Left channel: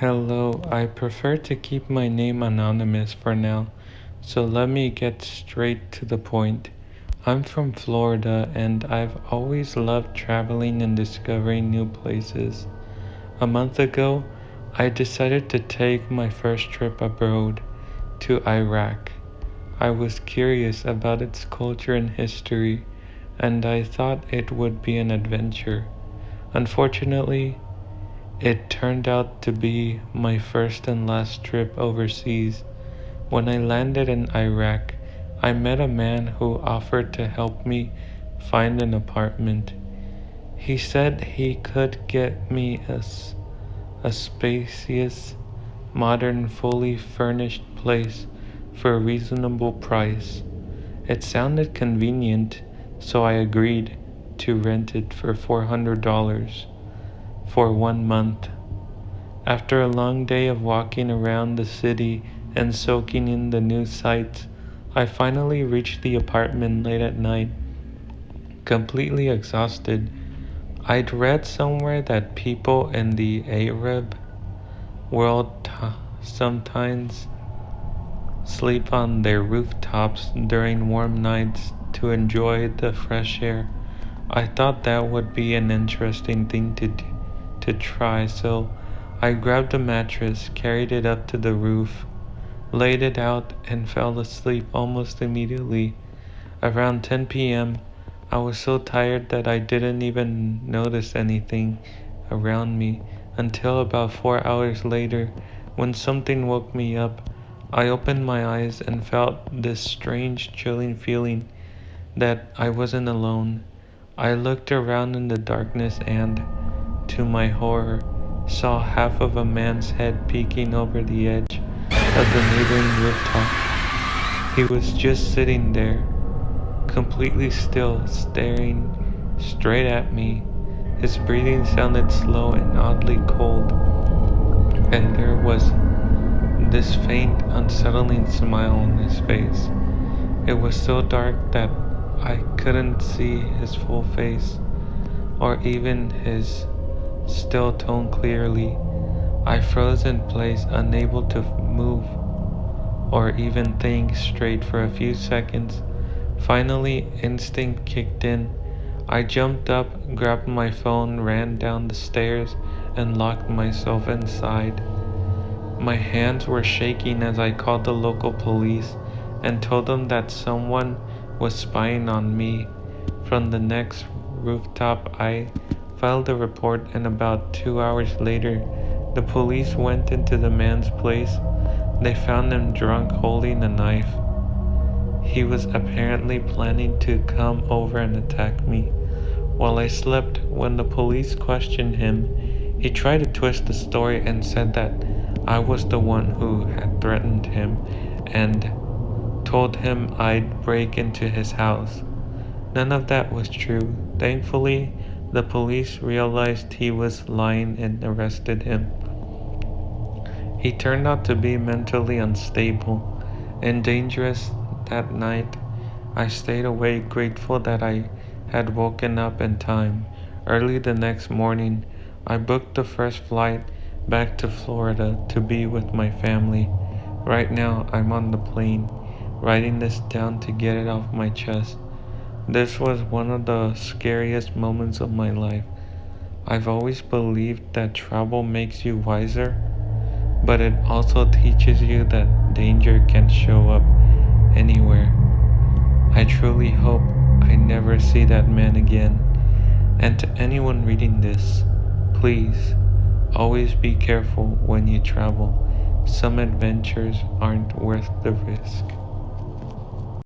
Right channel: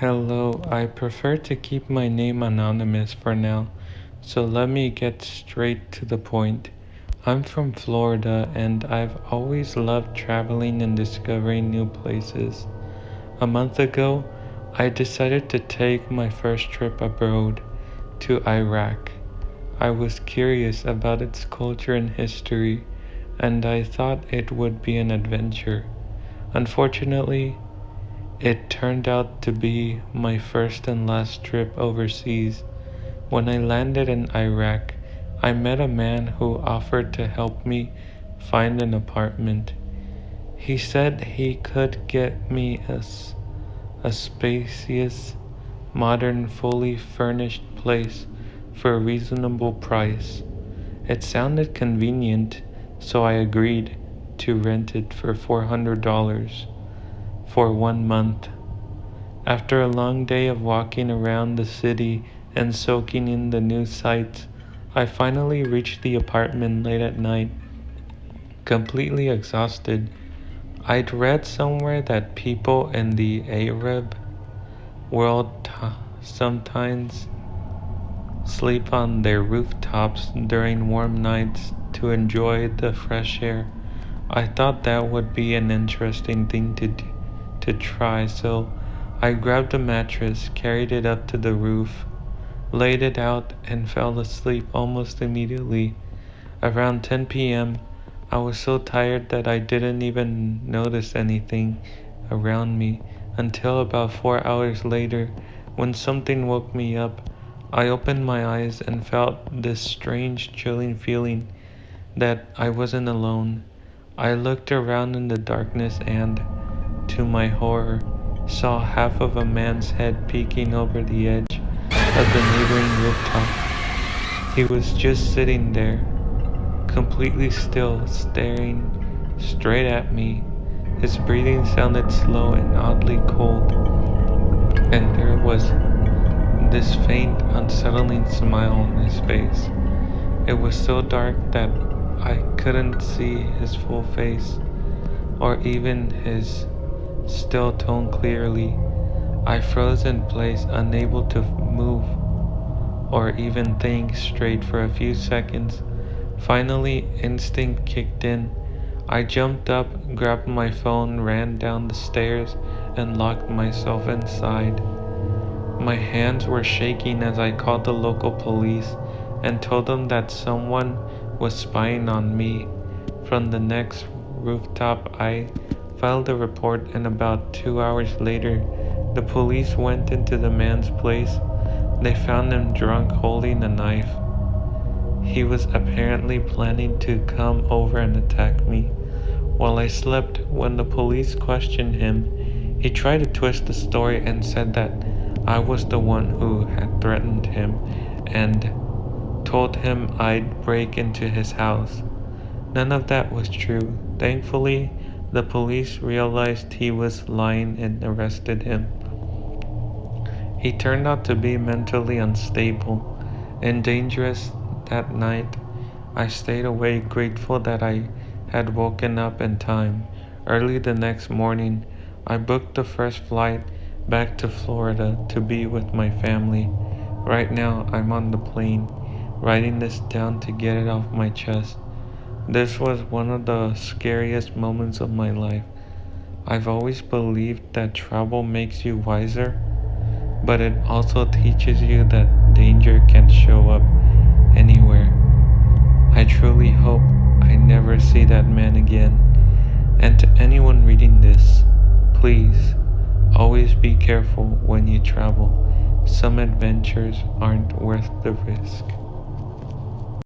Hello, I prefer to keep my name anonymous for now, so let me get straight to the point. I'm from Florida and I've always loved traveling and discovering new places. A month ago, I decided to take my first trip abroad to Iraq. I was curious about its culture and history, and I thought it would be an adventure. Unfortunately, it turned out to be my first and last trip overseas. When I landed in Iraq, I met a man who offered to help me find an apartment. He said he could get me a spacious, modern, fully furnished place for a reasonable price. It sounded convenient, so I agreed to rent it for $400 for 1 month. After a long day of walking around the city and soaking in the new sights, I finally reached the apartment late at night, completely exhausted. I'd read somewhere that people in the Arab world sometimes sleep on their rooftops during warm nights to enjoy the fresh air. I thought that would be an interesting thing to try, so I grabbed a mattress, carried it up to the roof, laid it out, and fell asleep almost immediately. Around 10 p.m., I was so tired that I didn't even notice anything around me until about 4 hours later, when something woke me up. I opened my eyes and felt this strange, chilling feeling that I wasn't alone. I looked around in the darkness and, to my horror, saw half of a man's head peeking over the edge of the neighboring rooftop. He was just sitting there, completely still, staring straight at me. His breathing sounded slow and oddly cold, and there was this faint, unsettling smile on his face. It was so dark that I couldn't see his full face or even his still tone clearly. I froze in place, unable to move or even think straight for a few seconds. Finally, instinct kicked in. I jumped up, grabbed my phone, ran down the stairs, and locked myself inside. My hands were shaking as I called the local police and told them that someone was spying on me. From the next rooftop, I filed a report, and about 2 hours later, the police went into the man's place. They found him drunk, holding a knife. He was apparently planning to come over and attack me while I slept. When the police questioned him, he tried to twist the story and said that I was the one who had threatened him and told him I'd break into his house. None of that was true. Thankfully, the police realized he was lying and arrested him. He turned out to be mentally unstable and dangerous. That night, I stayed awake, grateful that I had woken up in time. Early the next morning, I booked the first flight back to Florida to be with my family. Right now, I'm on the plane, writing this down to get it off my chest. This was one of the scariest moments of my life. I've always believed that travel makes you wiser, but it also teaches you that danger can show up anywhere. I truly hope I never see that man again. And to anyone reading this, please always be careful when you travel. Some adventures aren't worth the risk.